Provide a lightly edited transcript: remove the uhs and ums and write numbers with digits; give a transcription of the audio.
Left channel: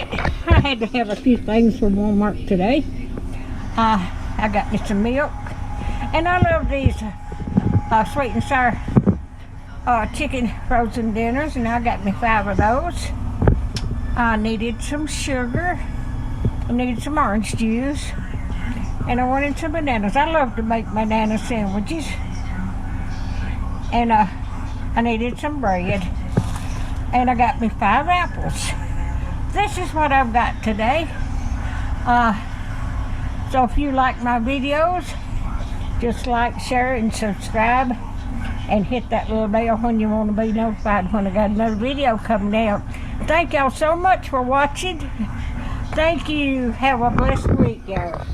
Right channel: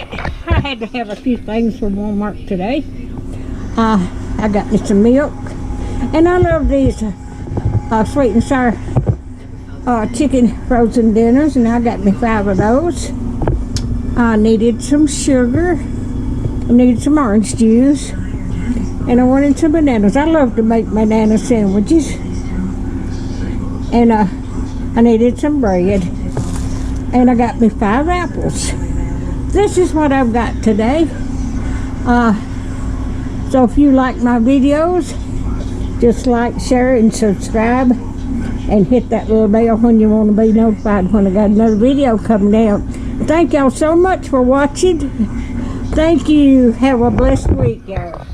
Alright, I had to have a few things from Walmart today. I got me some milk. And I love these sweet and sour chicken frozen dinners, and I got me 5 of those. I needed some sugar. I needed some orange juice. And I wanted some bananas. I love to make banana sandwiches. And I needed some bread. And I got me 5 apples. This is what I've got today. So if you like my videos, just like, share, and subscribe. And hit that little bell when you want to be notified when I got another video coming out. Thank y'all so much for watching. Thank you. Have a blessed week, y'all.